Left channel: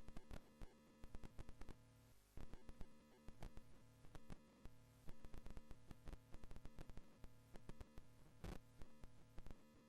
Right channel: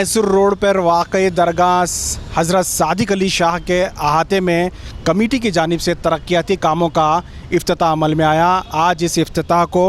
Mysore road पर वाक़ई दरगाह हज़रत सादिक अली शाह के अहाते में कमेटी की जानिब से तरक्याती कामों का इफ्तिताह अमल में आया। आज इस इफ्तिताह को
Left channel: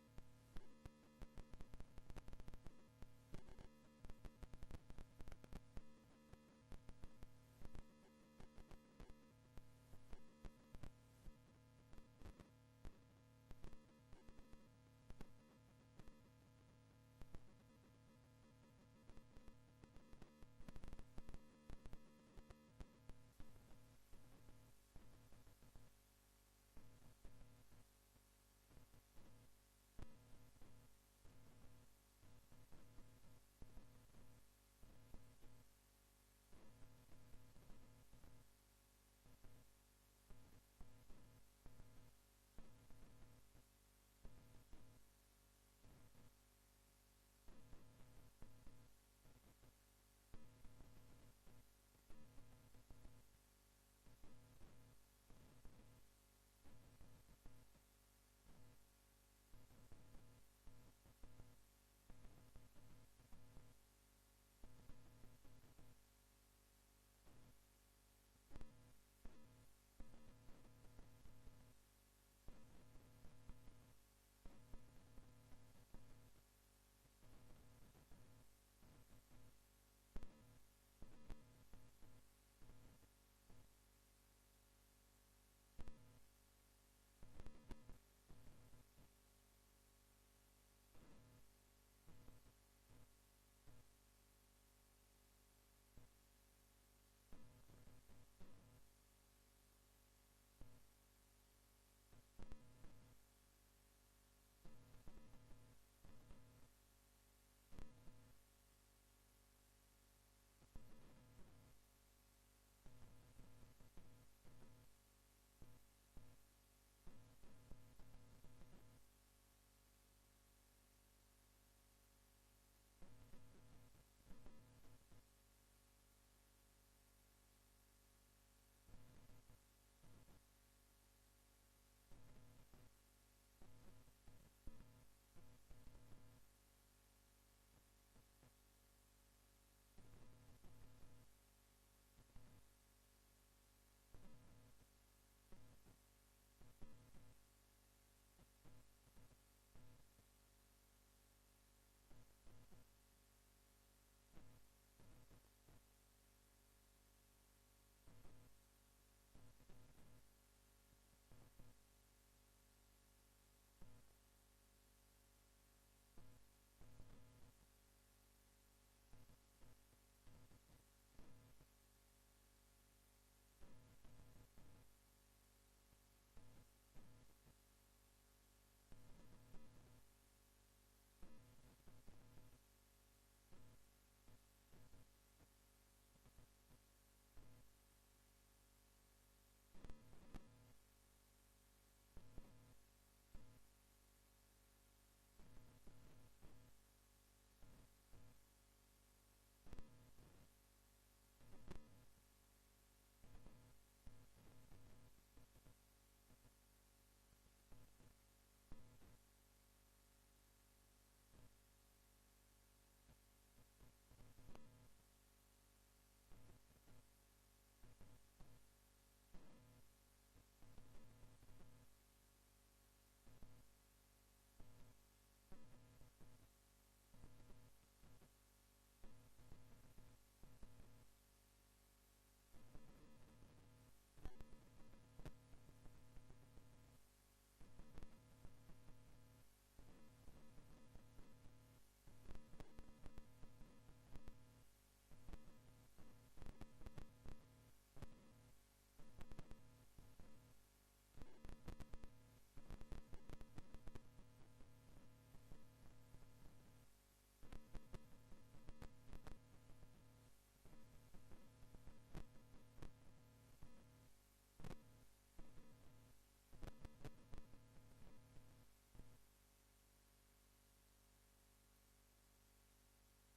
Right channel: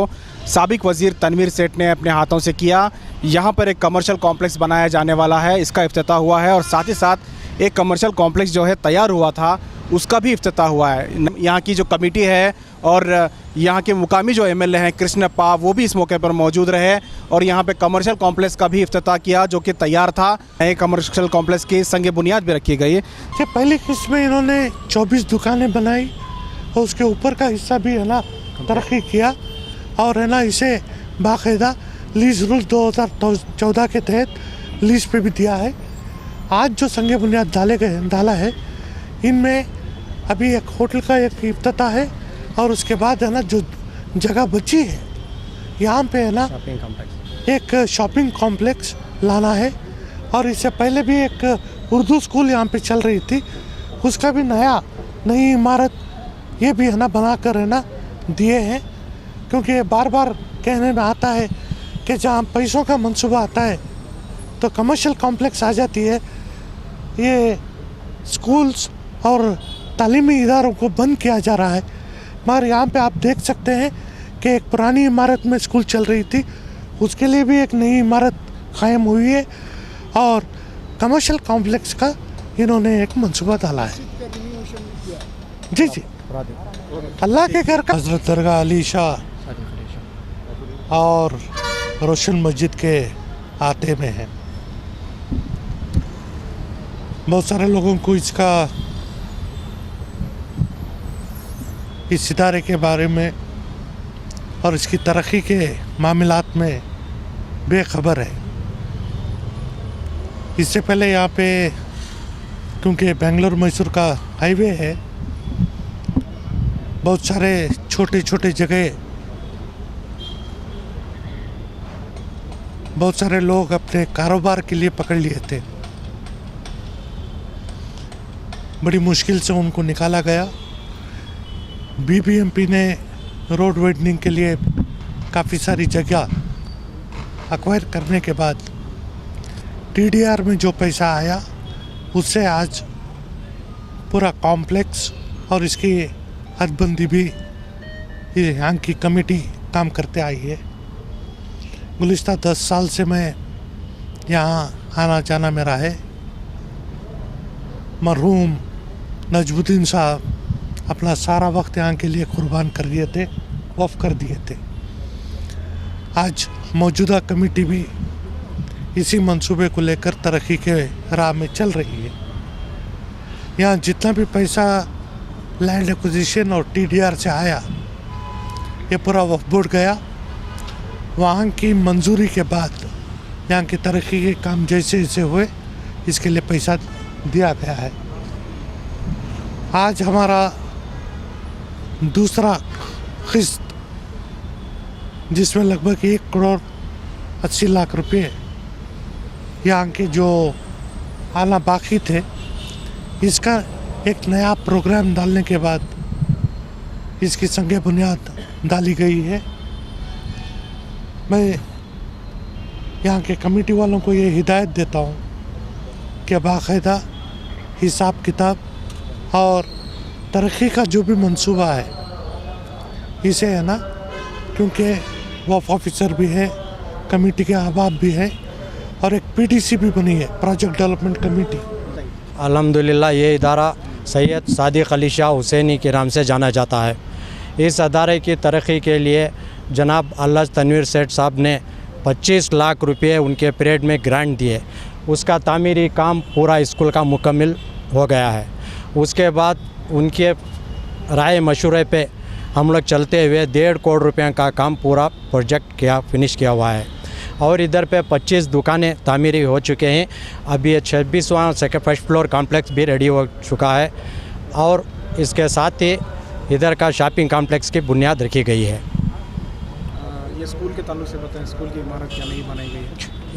साबिक वज़ीर तनवीर सेठ ने अपने हाथों से किया। यहाँ पर एक कमर्शियल कॉम्प्लेक्स बनाया जाने वाला है, इसका इफ्तिताह हुआ है और साथ ही साथ एक कमर्शियल कॉम्प्लेक्स जो है तैयार हुआ था उसका भी इफ्तिताह हुआ है। यहाँ की जो कमेटी है और यहाँ के मुकामी जो एमएलए हैं कृष्णप्पा, वो भी इस मौके पर मौजूद रहे और यहाँ पे कमर्शियल कॉम्प्लेक्स का भी इफ्तिताह किया जो कि तैयार था। नए कमर्शियल कॉम्प्लेक्स की संग बुनियाद भी रखी गई। कि पहली किस्त में इन्होंने 24 दुकानें बनाई और उसके ऊपर का हिस्सा भी है ना तरक्की किया और है ना इसे बाकायदा लीज रूल 2014 के तहत लीज पे भी दिया है। आज जो संग बुनियाद डाला है, इनमें अभी एक होटल का एक इफ्तिताह है और उसके बाद है ना जो जगह बची है यहाँ पे है ना एक शॉपिंग कॉम्प्लेक्स लाना है और इससे पहले भी एक उर्दू स्कूल यहाँ पे चल रही थी, उसका भी नई इमारत ये भी है ना बना कर है ना दिए हैं। क्योंकि ये बार बार कहने में आता है कि जहाँ पैसों का मंसूबा आता है तो कमर्शियल कॉम्प्लेक्स आ जाती है। ये स्कूल्स और तालीमी इदारों को बंद किया जा रहा है, मगर यहाँ पे आप देख सकते हैं कि एक पुरानी इमारत में स्कूल चल रही थी, उसके लिए भी एक नई इमारत कायम हुई है और कमर्शियल कॉम्प्लेक्स का इन्होंने एक मंसूबा डाला है। जी जी, अल्लाह के घर का हज़रत दरगाह अली शाह और रोशन मस्जिद के आते में है। बहुत सारे लोगों को इस इदारे के बारे में और इसकी तरक्की के मामलात में बेखबर है। इससे पहले यहाँ पे क्योंकि बेंगलोर मैसूर का हाईवे है, बहुत सारे छोटे छोटे जगह बहुत सारे लोग अपने कारोबार के लिए पकड़ लिए थे। बड़ी मुश्किल से उनको निकाला गया। बीबीएमपी ने रोड वाइडनिंग के लिए काफ़ी सारी जगह एक्वायर करने के बाद टीडीआर में जो पैसा आया उससे आज पूरा कॉम्प्लेक्स और इसकी हदबंदी भी यहाँ की कमेटी काम करते आई है। गुज़िश्ता 10 साल से मैं यहाँ आना जाना मेरा है। मरहूम नजमुद्दीन साहब अपना सारा वक्त यहाँ के लिए कुर्बान कर दिए थे, वफ़ कर दिए थे। आज मौजूदा कमेटी भी इसी मंसूबे को लेकर तरक्की के राह में चल रही है। यहाँ जितना भी पैसा लैंड एक्विजिशन और टीडीआर से आया, ये पूरा वक्फ बोर्ड गया। वहाँ की मंजूरी के बाद यहाँ की तरक्की के काम जैसे जैसे हुए, इसके लिए पैसा दिया गया है। आज हमारा दूसरा किस्त जिसमें लगभग 1 करोड़ 80 लाख रुपए यहाँ के जो आना बाकी थे, इसका एक नया प्रोग्राम डालने के बाद इसकी संग बुनियाद डाली गई है। मैं यहाँ के कमेटी वालों को ये हिदायत देता हूँ कि बाकायदा हिसाब किताब और तरक्की का जो भी मंसूबा है इसे है ना, क्योंकि वफ़ ऑफिसर भी है, कमेटी के अहबाब भी है और एक पीडीसी भी बनी है, प्रोजेक्ट डेवलपमेंट कमेटी। अल्हम्दुलिल्लाह ये इदारा सैयद सादिक अली शाह हुसैनी के नाम से जाना जाता है। इस अदारे की तरक्की के लिए जनाब अल्लाह तनवीर सेठ साहब ने 25 लाख रुपये उनके पीरियड में ग्रांट दिए। उसका तामीरी काम पूरा स्कूल का मुकम्मल हो गया है। उसके बाद उनके राय मशवरे पे हम लोग चलते हुए 1.5 करोड़ रुपये का काम पूरा प्रोजेक्ट फिनिश किया हुआ है और इधर पे 25 दुकानें तामीरी हो चुके हैं। अभी 26वां फर्स्ट फ्लोर कॉम्प्लेक्स भी रेडी हो चुका है और इसके साथ ही इधर का शॉपिंग कॉम्प्लेक्स की बुनियाद रखी गई है। ये स्कूल के ताल्लुक से बताएं, स्कूल की इमारत क्या नहीं बनाई गई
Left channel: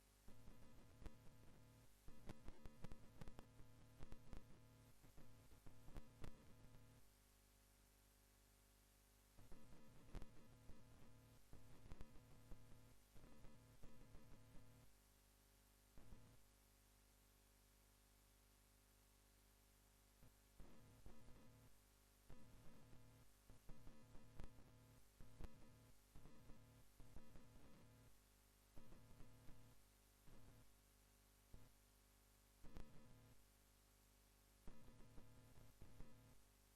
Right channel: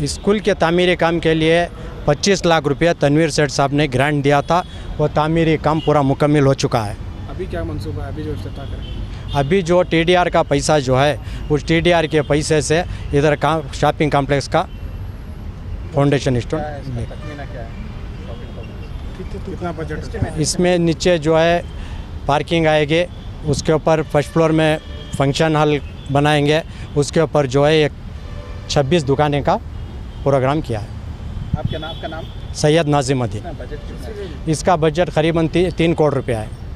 है? स्कूल के तामीरी काम के लिए 25 लाख रुपया तनवीर सेठ साहब ने ग्रांट दिया था, वो तामीरी काम पूरा मुकम्मल हो चुका है। अभी क्या मंसूबा है, अभी जो इफ्तिताह करें? अभी जो टीडीआर का पैसा जो है उस टीडीआर के पैसे से इधर का शॉपिंग कॉम्प्लेक्स का फाउंडेशन स्टोन। तखमीना क्या है? कितना बजट? इसमें नीचे जो है पार्किंग आएगी, उसके ऊपर फर्स्ट फ्लोर में फंक्शन हॉल बनाएंगे, उसके ऊपर जो है एक 26 दुकानें का प्रोग्राम किया है। आपका नाम सैयद नाजिमुद्दीन। बजट कितना है? इसका बजट करीबन 3 करोड़ रुपया है।